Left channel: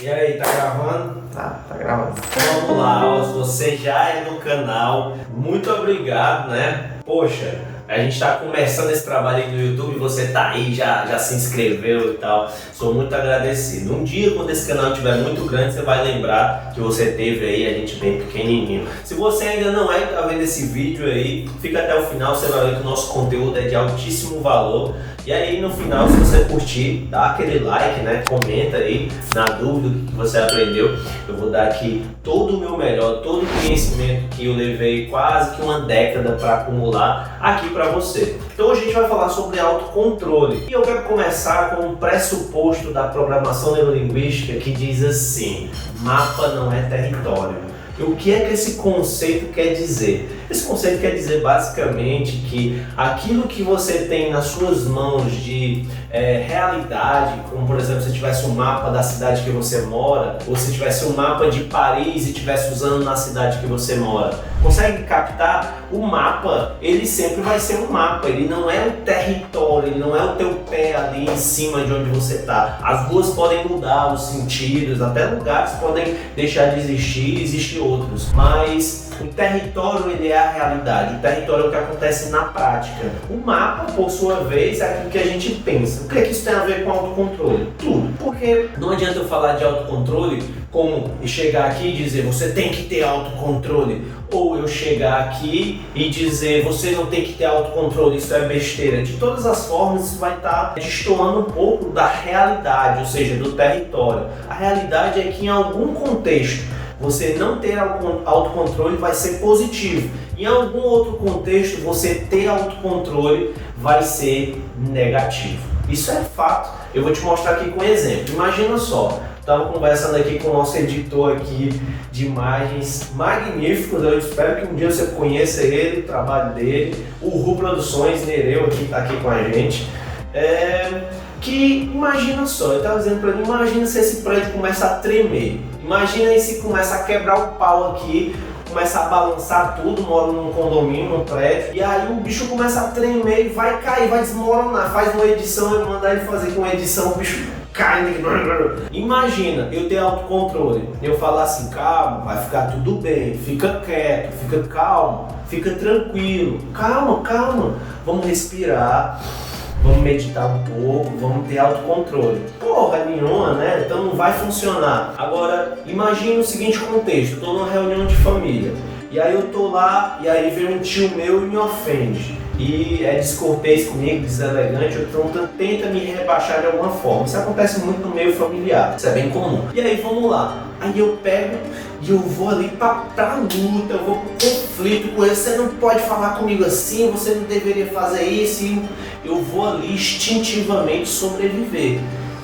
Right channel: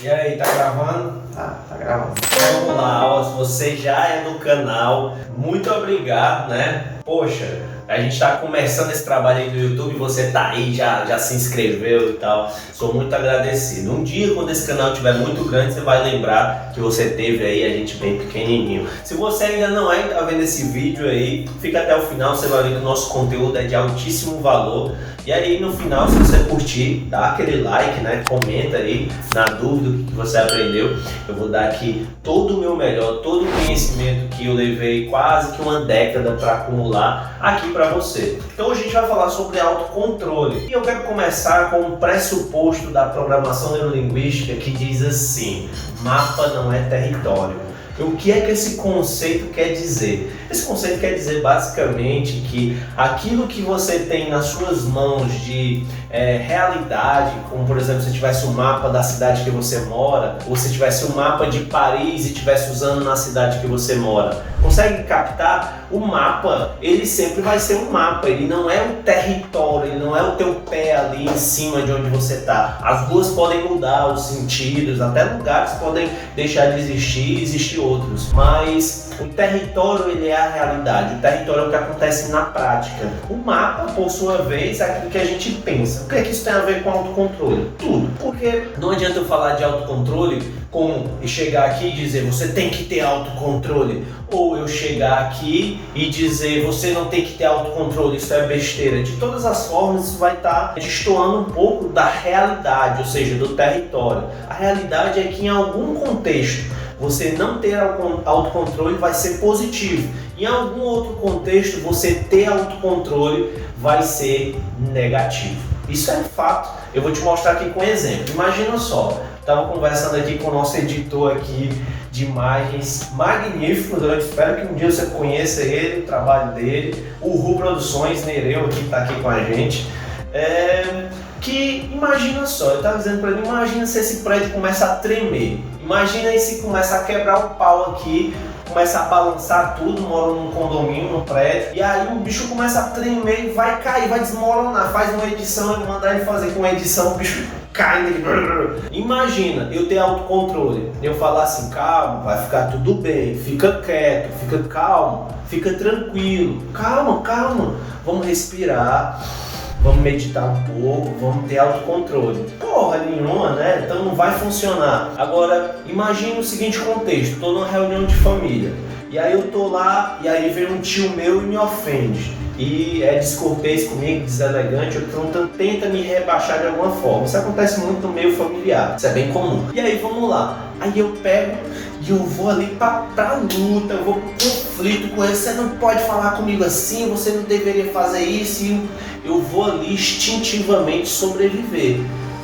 E aí, tá gravando? Tá gravando. Vamos lá, ó, se você já é do canal, muito obrigado, né? Poxa, a gente tá começando esse trabalho aí no YouTube, você tá aí, já se inscreveu e tal. Sou muito agradecido. Um dia, quando esse canal estiver muito grande, você vai lembrar que você teve aí a gente bem pequenininho. Se você ainda não é, tá vendo esse vídeo aí, fica até o final, você vai ver que o nosso conteúdo é de altíssimo valor. E aí no final, se você curtir, dá aquele like, né? Comenta aí, na dúvida do que você aprendeu. Eu vou dar aqui todo o meu melhor, todo o conhecimento que eu levei quase que uma década para acumular aqui para você. Então hoje a gente vai falar sobre autocontrole. E eu quero começar com um pressuposto da programação neurolinguística que diz assim: mapa não é território. O que é que esse conceito quer dizer? Esse conceito quer dizer basicamente que aquilo que você tem nas suas mãos de realidade, como por exemplo se tivesse um mapa da cidade que você mora, ou se tivesse um mapa de Paris e estivesse usando na cidade que você mora, consegue captar? O mapa, ele sempre vai ser um mapa, ele não é o território, ele não é o teu pé ali em cima de onde você está. As ruas podem mudar os sentidos, até lugares podem deixar de existir e existir outros, mas o território ele é a realidade, o território é o que acontece na prática. O mapa, por sua vez, é aquilo que a gente pensa. O que é que isso tem a ver com autocontrole? Tudo. Porque não adianta eu falar de autocontrole como chegar aqui e dizer você tem que ter autocontrole, ou eu chegar aqui e dizer você não tem que ter autocontrole, isso é besteira. De todas as formas, isso vai estar destoando um pouco da realidade, ou seja, do território. A realidade é que em algum contexto você não ter autocontrole vai ser positivo. Em algum outro contexto, você ter autocontrole vai ser negativo. Isso é fato. Eu vou te mostrar aqui com um exemplo. Imagina só, estava conversando aqui com o nosso editor aqui de imagens magníficos. Eu espero que um dia você conheça ele, o trabalho dele. O Ru Produções, Nereu, que está aqui com a gente. Que imagina só, eu estava dizendo para ele, imagina se esse prédio começa a tremer. Imagina aí se começa a quebrar o pau aqui, começa a balançar tudo, mora num condomínio, num prédio, e aí o bicho começa a tremer e vai cair, vai desmoronar. Faz uma edição, eu mandar ele fazer com uma edição, o bicho cai. Imagina eu ter autocontrole, eu falar assim, calma, vai ficar tudo bem, fica quieto, fica calmo, fica tranquilo, calma, vamos respirar. Vamos meditar um pouco, vamos ter autocontrole. Porra nenhuma, né? Então não vai funcionar. Agora, imagine o seguinte contexto. Estou numa reunião de família. E aí eu tô lá, e aí vem um tio meu e me ofende. E é descortês comigo, deselegante, ou então tenta me rebaixar de alguma forma. Isso acontece muito no meio familiar, isso é bem comum. E aí vamos lá. Aí eu pego e eu vou ali pra luta, eu vou pro conflito com ele. Você não pode falar comigo assim, você não deveria fazer isso. E eu vou ali instintivamente sobreviver.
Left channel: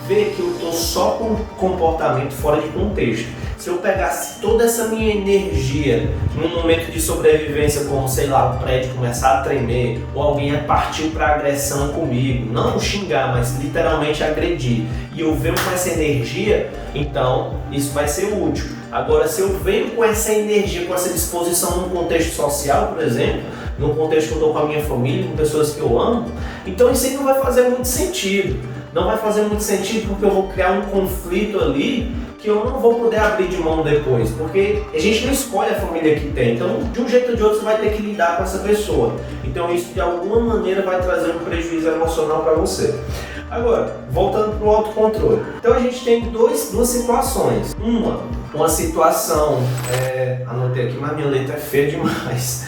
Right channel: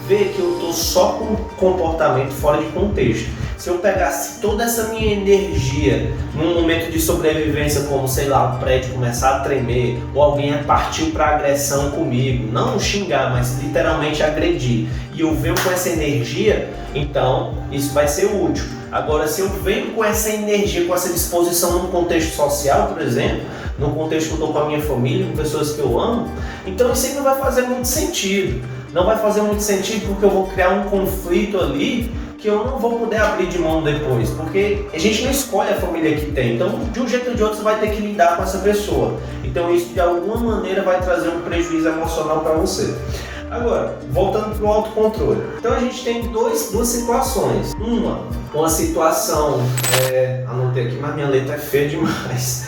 Ver que eu tô só com comportamento fora de contexto. Se eu pegasse toda essa minha energia num momento de sobrevivência, como sei lá, o prédio começar a tremer, ou alguém partiu para agressão comigo, não xingar, mas literalmente agredir, e eu venho com essa energia, então isso vai ser útil. Agora, se eu venho com essa energia, com essa disposição num contexto social, por exemplo, num contexto que eu estou com a minha família, com pessoas que eu amo, então isso aí não vai fazer muito sentido. Não vai fazer muito sentido porque eu vou criar um conflito ali que eu não vou poder abrir de mão depois, porque a gente não escolhe a família que tem, então de um jeito ou de outro você vai ter que lidar com essa pessoa. Então isso de alguma maneira vai trazer um prejuízo emocional para você. Agora, voltando para o autocontrole. Então a gente tem duas situações. Uma situação, anotei aqui, mas minha letra é feia demais.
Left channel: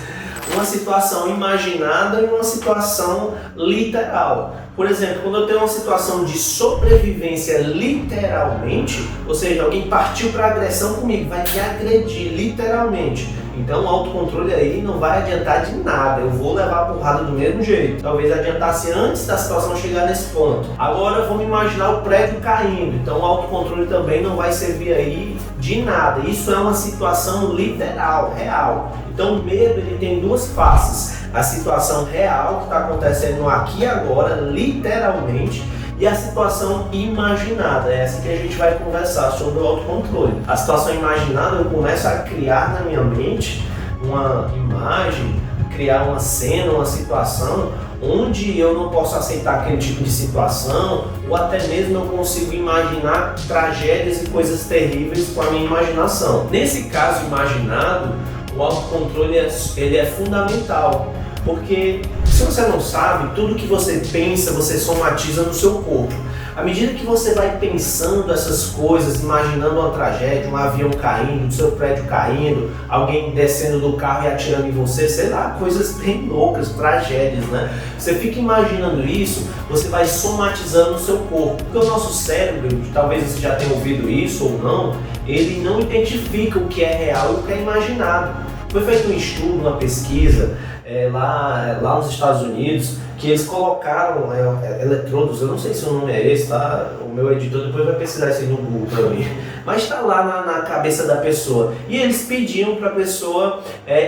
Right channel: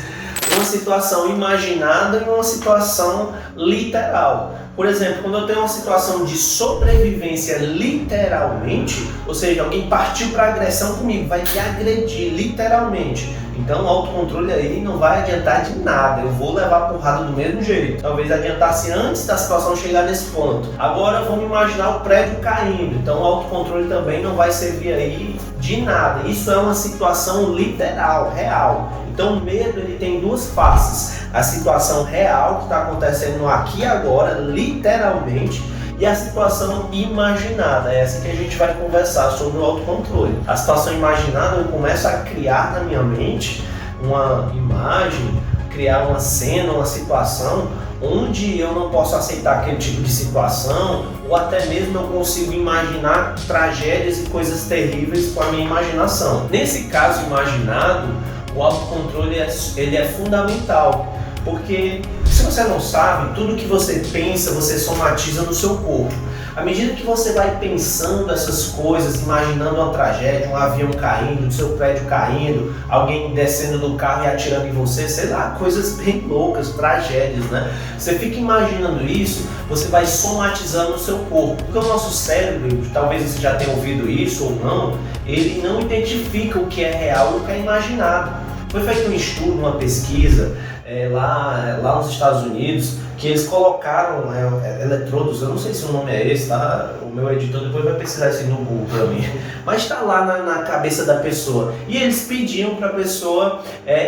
Uma situação imaginada e uma situação literal. Por exemplo, quando eu tenho uma situação de sobrevivência literalmente, ou seja, alguém partiu para agressão comigo, vai me agredir literalmente. Então o autocontrole aí não vai adiantar de nada, eu vou levar a porrada do mesmo jeito. Talvez adiantasse antes da situação chegar nesse ponto. Agora vamos imaginar o prédio caindo, então o autocontrole também não vai servir aí de nada. Isso é uma situação literal, real. Então o medo ele tem duas faces. A situação real que está acontecendo aqui e agora, literalmente, e a situação imaginada, é essa que a gente vai conversar sobre o autocontrole. A situação imaginada, eu começo a criar na minha mente uma imagem, criar uma cena, uma situação onde eu não posso aceitar aquele tipo de situação, ou até mesmo eu consigo imaginar tragédias e coisas terríveis com a minha imaginação. Nesse caso imaginado, o autocontrole ele é fundamental, porque se você não sabe, tudo que você pensa, você somatiza no seu corpo. À medida que você vai pensando essas coisas, imaginando uma tragédia, um avião caindo, o seu prédio caindo, alguém descendo do carro e atirando em você, sei lá, coisas bem loucas, tragédias, né? Você fica imaginando isso, você vai somatizando no seu corpo. Porque o nosso cérebro, talvez você já tenha ouvido isso ou não, ele não identifica o que é real e o que é imaginado. Foi feito um estudo, uma pesquisa lá nos Estados Unidos, que eles colocaram eletrodos, eu não sei se o nome é esse, tá? O meu editor depois vai pesquisar isso aí no Google para mim, mas está lá na cabeça da pessoa, e eles pediam para a pessoa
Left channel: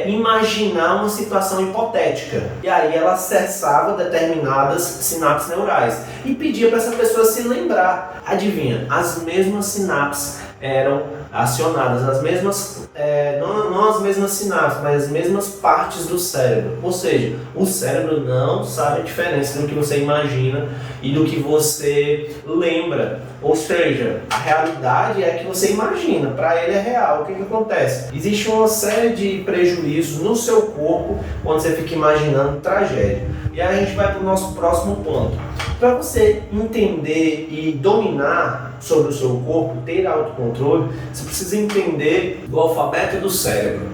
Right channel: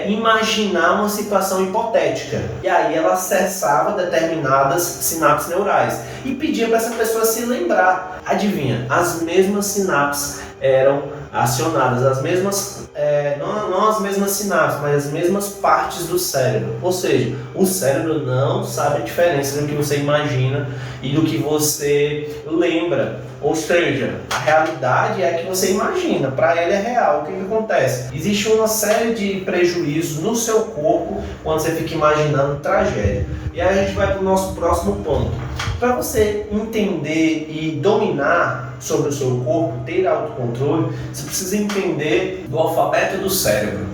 imaginar uma situação hipotética, e aí ela acessava determinadas sinapses neurais e pedia para essa pessoa se lembrar. Adivinha, as mesmas sinapses eram acionadas, as mesmas, não as mesmas sinapses, mas as mesmas partes do cérebro. Ou seja, o cérebro não sabe a diferença do que você imagina e do que você lembra. Ou seja, a realidade é a que você imagina, para ele é real. O que acontece? Existe uma série de prejuízos no seu corpo quando você fica imaginando tragédia. E aí a gente vai para o nosso próximo ponto. Para você entender e dominar sobre o seu corpo, ter autocontrole, você precisa entender do alfabeto do cérebro.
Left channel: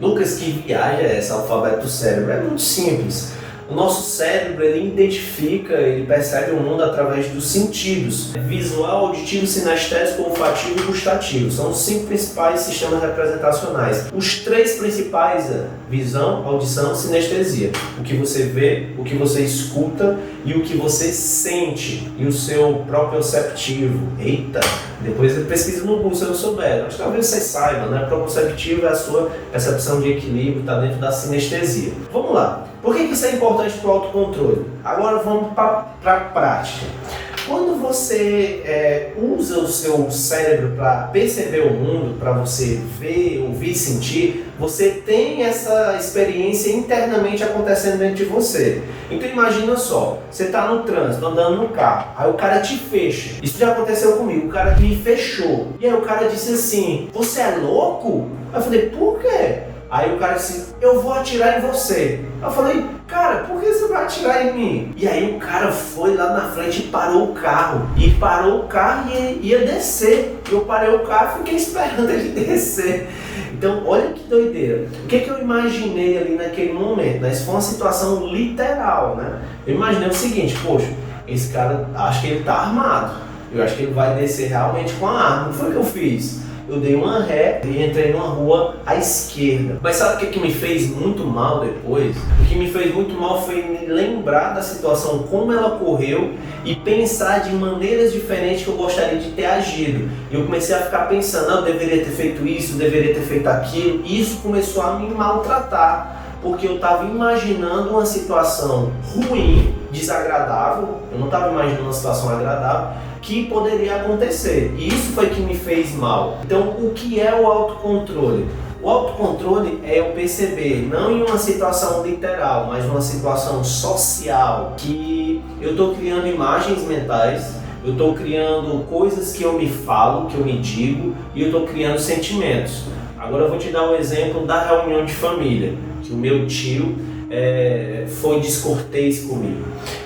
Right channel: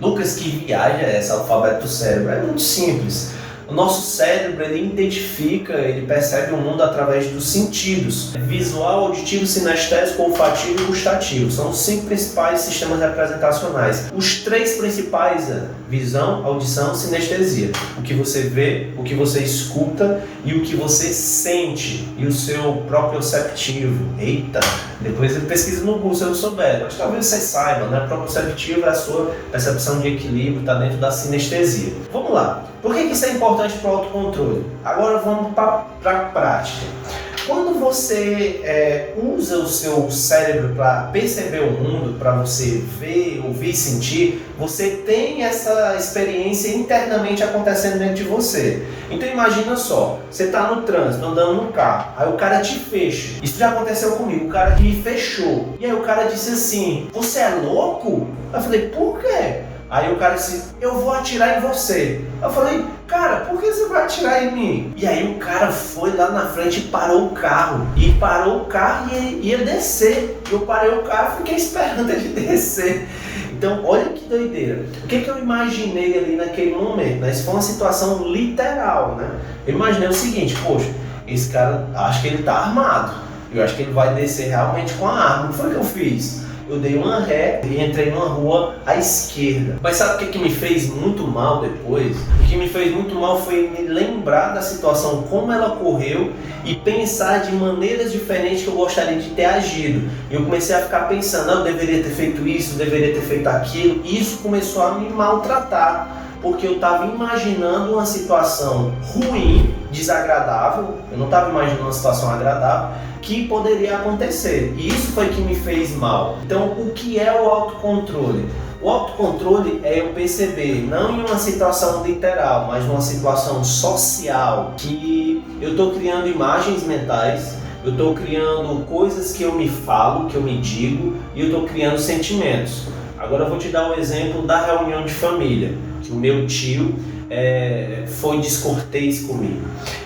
Lucas, que viagem é essa, alfabeto do cérebro? É muito simples. O nosso cérebro, ele identifica, ele percebe o mundo através dos sentidos: visual, auditivo, sinestésico, olfativo e gustativo. São os 5 principais sistemas representacionais. Os 3 principais: visão, audição e sinestesia. O que você vê, o que você escuta e o que você sente. E o seu proprioceptivo. Eita! Depois você pesquisa no Google se eu não souber, mas talvez você saiba, né? Proprioceptivo é a sua percepção de equilíbrio, está dentro da sinestesia. Vamos lá. Por que isso é importante para o autocontrole? Agora vamos para a prática. Quando você usa o seu cérebro para perceber o mundo, para você ver, ouvir, sentir, você tem essa experiência internamente acontecendo dentro de você. Então imagina só, você está no trânsito, andando no carro, aí o cara te fecha. Isso já aconteceu comigo, o cara me fechou. E aí o cara disse assim: "Você é louco?" Eu falei: "Por quê?" Aí o cara disse: "Eu vou atirar em você." Eu falei: "Cara, por que você vai atirar em mim?" E aí o cara foi lá na frente e parou o carro. E parou o carro e ia descer. Eu parei o carro e fiquei esperando ele descer. Então, olha que doideira. O que eu imaginei ali naquele momento? Isso foi uma situação literal, né? Eu imaginei o seguinte: poxa, esse cara, acho que ele tá armado. Eu acho que ele vai descer realmente com a arma. Não foi o que eu fiz. Eu dei uma ré e entrei numa rua à esquerda. Mas sabe o que me fez muito mal depois? O que me fez muito mal foi me lembrar da situação, como ela ocorreu, e pensar de maneiras diferentes que eu gostaria de ter agido. E eu comecei a ficar pensando: eu deveria ter feito isso, eu deveria ter feito aquilo. E isso começou a me maltratar, porque eu estava imaginando uma situação ruim, desagradável. Eu não estava imaginando uma situação agradável que poderia acontecer, e isso foi que me fez mal. Então, o que é o autocontrole? O autocontrole é eu perceber, não em uma situação literal, mas numa situação social, que eu estou criando imagens mentais, eu estou criando coisas que eu me falo, que eu me digo, e eu estou criando sentimentos. Agora eu vou te dar um exemplo da reunião de família, que o meu tio foi descortês comigo.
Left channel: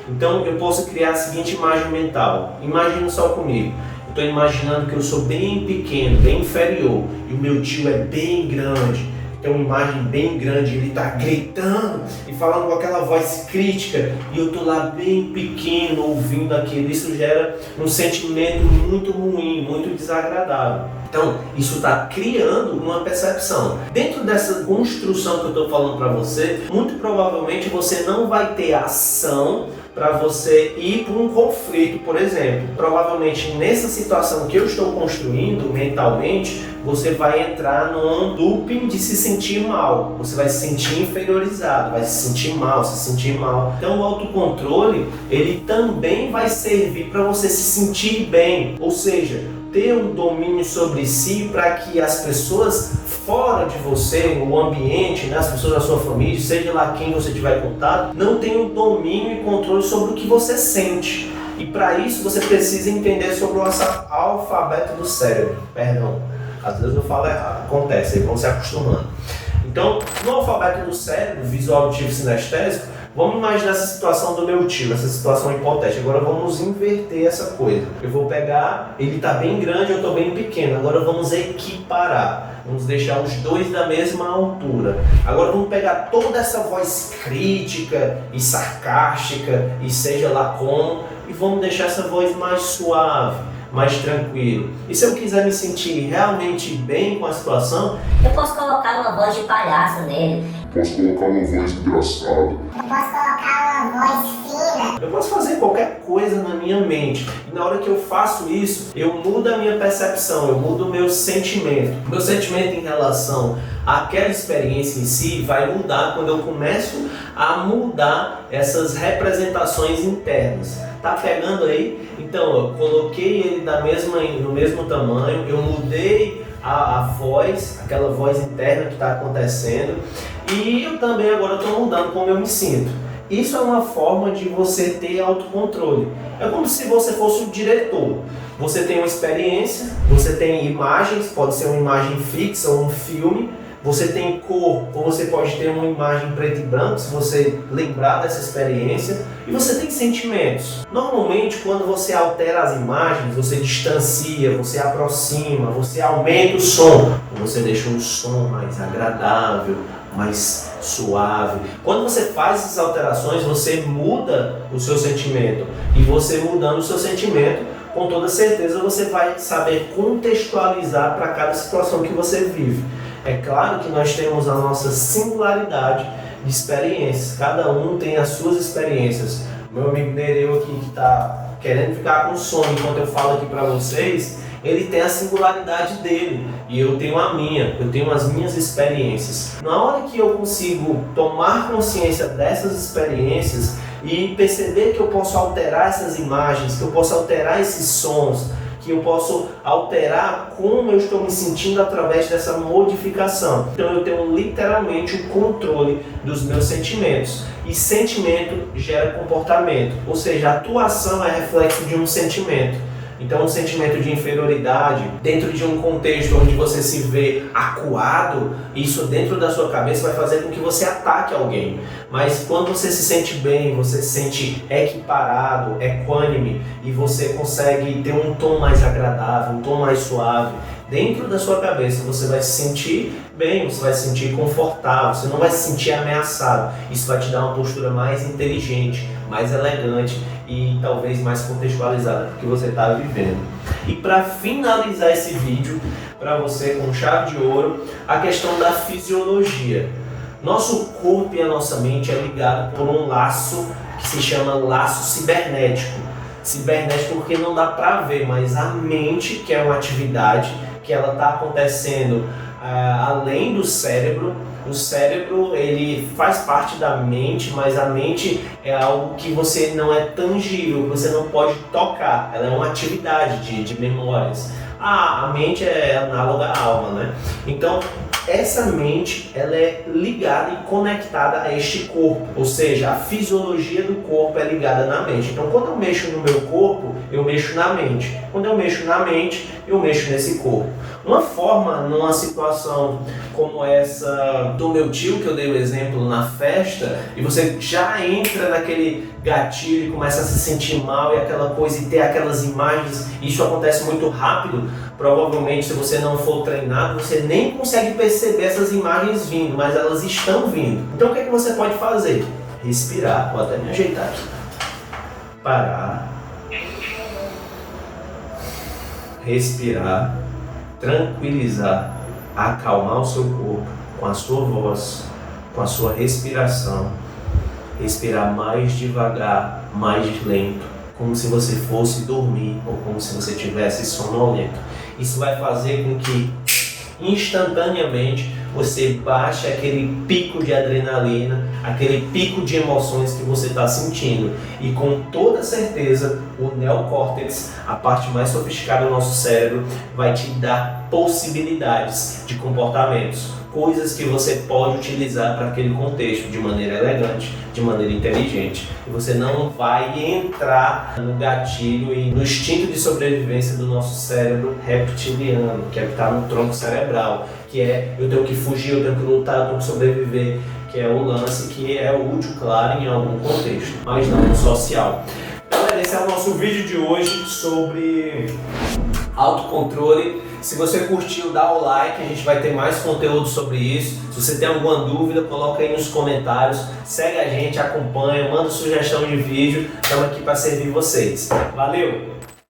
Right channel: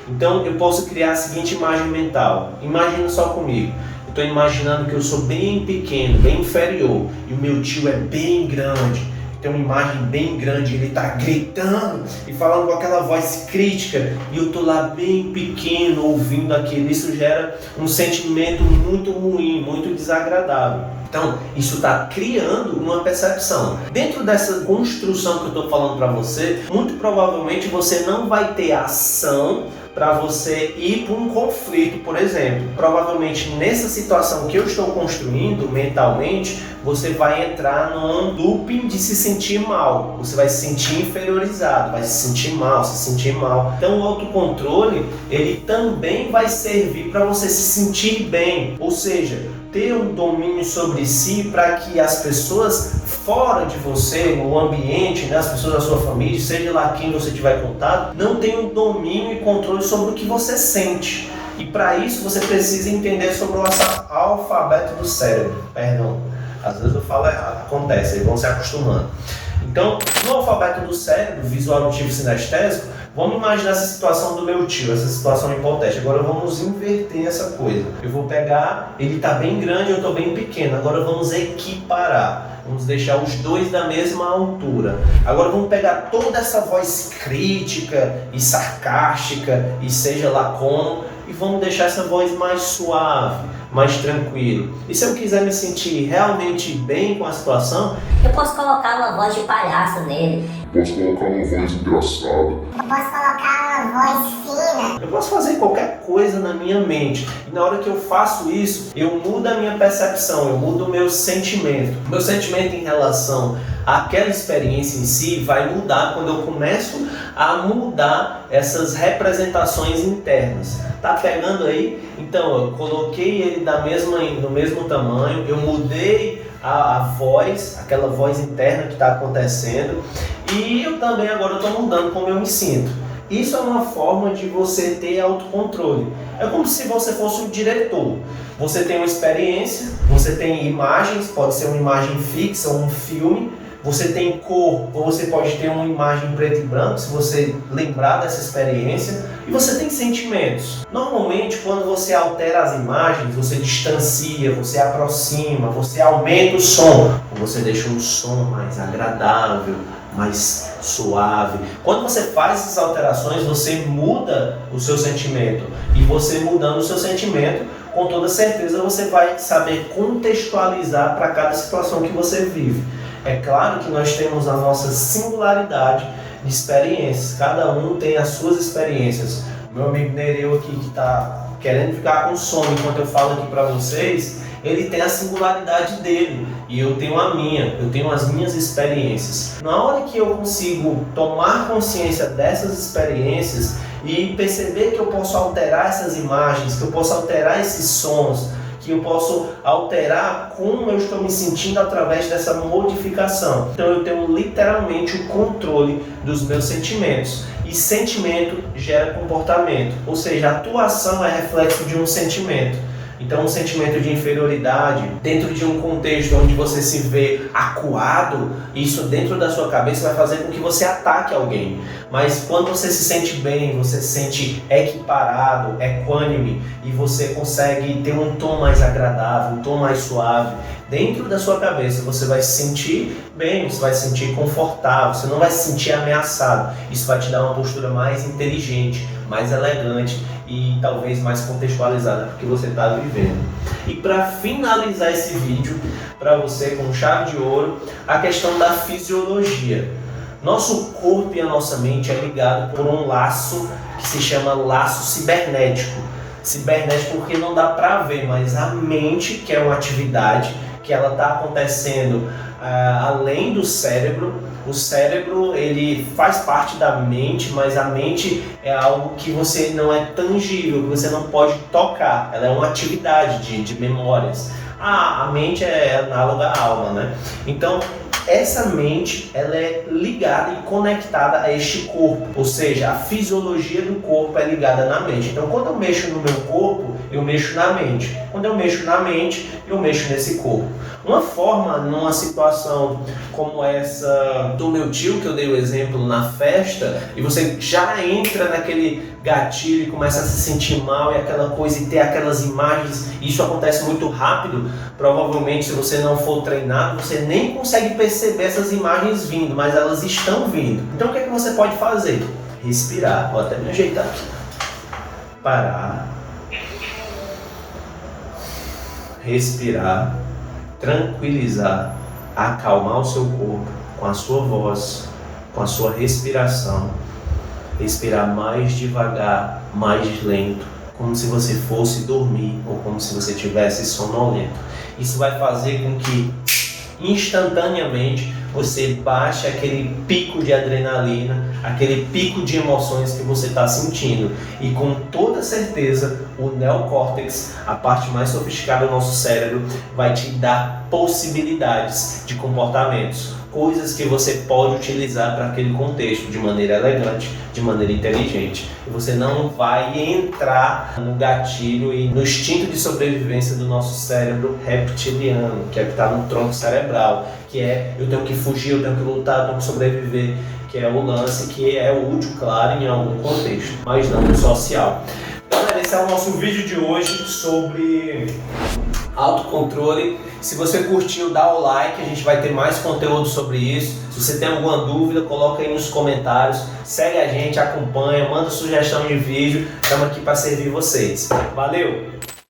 Então eu posso criar a seguinte imagem mental. Imagina só comigo. Eu estou imaginando que eu sou bem pequeno, bem inferior, e o meu tio é bem grande. Tem uma imagem bem grande, ele está gritando e falando com aquela voz crítica, e eu estou lá bem pequeno ouvindo aquilo. Isso gera um sentimento muito ruim, muito desagradável. Então, isso está criando uma percepção. Dentro dessa construção que eu estou falando para você, muito provavelmente você não vai ter ação para você ir para um conflito, por exemplo. Provavelmente nessa situação que eu estou construindo mentalmente, você vai entrar num looping de se sentir mal. Você vai se sentir inferiorizado, vai se sentir mal, se sentir mal. Então o autocontrole, ele também vai servir para você se sentir bem, ou seja, ter um domínio sobre si, para que as pessoas fora de você, o ambiente, né, as pessoas da sua família, seja lá quem você tiver contato, não tenham domínio e controle sobre o que você sente. E para isso você precisa entender sobre o alfabeto do cérebro. Perdão, às vezes eu falo errado, acontece, eles vão se acostumando. Então, no alfabeto do cérebro, visual, auditivo e sinestésico, vamos imaginar essa situação do meu tio, essa situação hipotética. Agora vamos inverter essa coisa. Eu vou pegar, ele está bem grande, eu estou bem pequeno. Agora vamos equiparar. Vamos deixar os dois da mesma altura. Agora vamos pegar toda essa voz crítica e sarcástica, e seja lá como, e vamos deixar essa voz mais suave, mais tranquilo. E se eu quiser me sentir realmente bem com a situação, eu posso colocar uma voz de palhaço nele. Posso colocar uma voz engraçada. Eu posso colocar uma voz fina. eu posso fazer qualquer coisa na minha mente. E na hora que eu faço isso, eu mudo a minha percepção, eu mudo o meu sentimento. O meu sentimento em relação àquela experiência em si vai mudar quando eu começo a mudar essas representações internas. Tá pegando aí? Então, eu coloquei ele no mesmo tamanho, eu mudei a voz, aquela voz interna que está acontecendo, e eu também agora estou mudando como eu me sinto. Isso é uma forma de você ter autocontrole. É como se você fosse um diretor. Você tem uma experiência, você tem imagens, pode ser uma imagem fixa ou um filme, você tem cor, ou você pode ter uma imagem preto e branco, se você lembrar dessa experiência, e você tem sentimentos. Normalmente, quando você altera as imagens, você distancia, você aproxima, você aumenta o som, você deixa um som mais agradável, mais suave. Quando você faz essas alterações, você muda o seu sentimento, e você mudando o seu sentimento, com toda certeza você vai saber contextualizar para cada situação que você vive. É claro que nós temos a nossa singularidade de experiências, cada um tem as suas experiências. O meu amigo Nereu aqui, que está querendo ficar com sono enquanto eu falo aqui para vocês, ele tem a singularidade dele e eu tenho a minha, eu tenho as minhas experiências. Na hora que eu consigo tomar consciência dessas experiências e perceber que eu posso alterar essas imagens, que eu posso alterar esses sons, que eu posso alterar como eu estou me sentindo através dessa modificação. Então eu tenho literalmente o controle dos meus sentimentos. E sentimento gera comportamento, ou seja, a atuação é reflexo de um sentimento. Então um sentimento de inferioridade, dentro de um contexto onde você se vê acuado, isso dentro da sua cabeça vai fazer com que você ataque alguém. Mas quando você se sente bem, você se sente equiparado, equânime, e você consegue ter um tom mais agradável, um tom mais suave, dentro da sua cabeça você vai se sentir bem, você vai se sentir confortável, você não vai se sentir ameaçado. Isso vai te dar uma postura mais inteligente, mais elegante e talvez mais contextualizada, porque você está vivendo. E para finalizar esse vídeo, para você com chave de ouro, a questão da fisiologia. Nosso corpo e a nossa mente é ligado por um laço que se chama laço cibernético. Cibernético porque não dá para ver, mas a mente, que é uma atividade que ela está acontecendo além do cérebro. O cérebro, ele faz parte da mente, mas a mente é algo que você não é tangível, que você não pode tocar. Ela é uma atividade de memórias. A mente é análoga à alma, né? Então, essa mente, ela é ligada e conectada a este corpo, ou seja, a fisiologia do corpo é ligada na mente. Então, quando eu mexo no meu corpo, eu mexo na mente. Quando eu mexo na mente, eu mexo nesse corpo. Uma forma, numa situação como essa do meu tio, que eu dei o exemplo na festa, e você já entra naquele gatilho e começa a se sentir mal e aquela coisa, e ter aquelas imagens, e isso acontece muito rápido, provavelmente se você não for treinado, você nem consegue perceber essas imagens vindo, mas elas estão vindo. Então o que é que você pode fazer? Respirar, vou até me ajeitar aqui. Parar. Respirar. Tranquilizar. Acalmar o seu corpo com a sua voz, com a sua respiração. Respirar mais devagar, mais lento, como se você fosse dormir ou como se você estivesse sonolento. Isso vai fazer com que instantaneamente você baixe aquele pico de adrenalina, aquele pico de emoções que você está sentindo. E com toda certeza, o neocórtex, a parte mais sofisticada do nosso cérebro, vai te dar possibilidades de comportamentos, coisas que você pode utilizar para aquele contexto de maneira elegante, de maneira inteligente. E você não vai entrar no gatilho e no instinto de sobrevivência do nosso cérebro reptiliano, que é o que está no tronco cerebral, que é eu tenho que fugir, eu tenho que lutar, eu tenho que sobreviver, que é o lance que é útil, claro, em algum contexto, mas não no social. Então, esse é o nosso vídeo de hoje sobre autocontrole. Se você curtiu, dá o like, a gente vai ter mais conteúdo sobre isso. Se você tem alguma dúvida, coloca aí nos comentários, segue a gente, acompanha, manda sugestão de vídeo, estamos aqui para servir vocês. Valeu!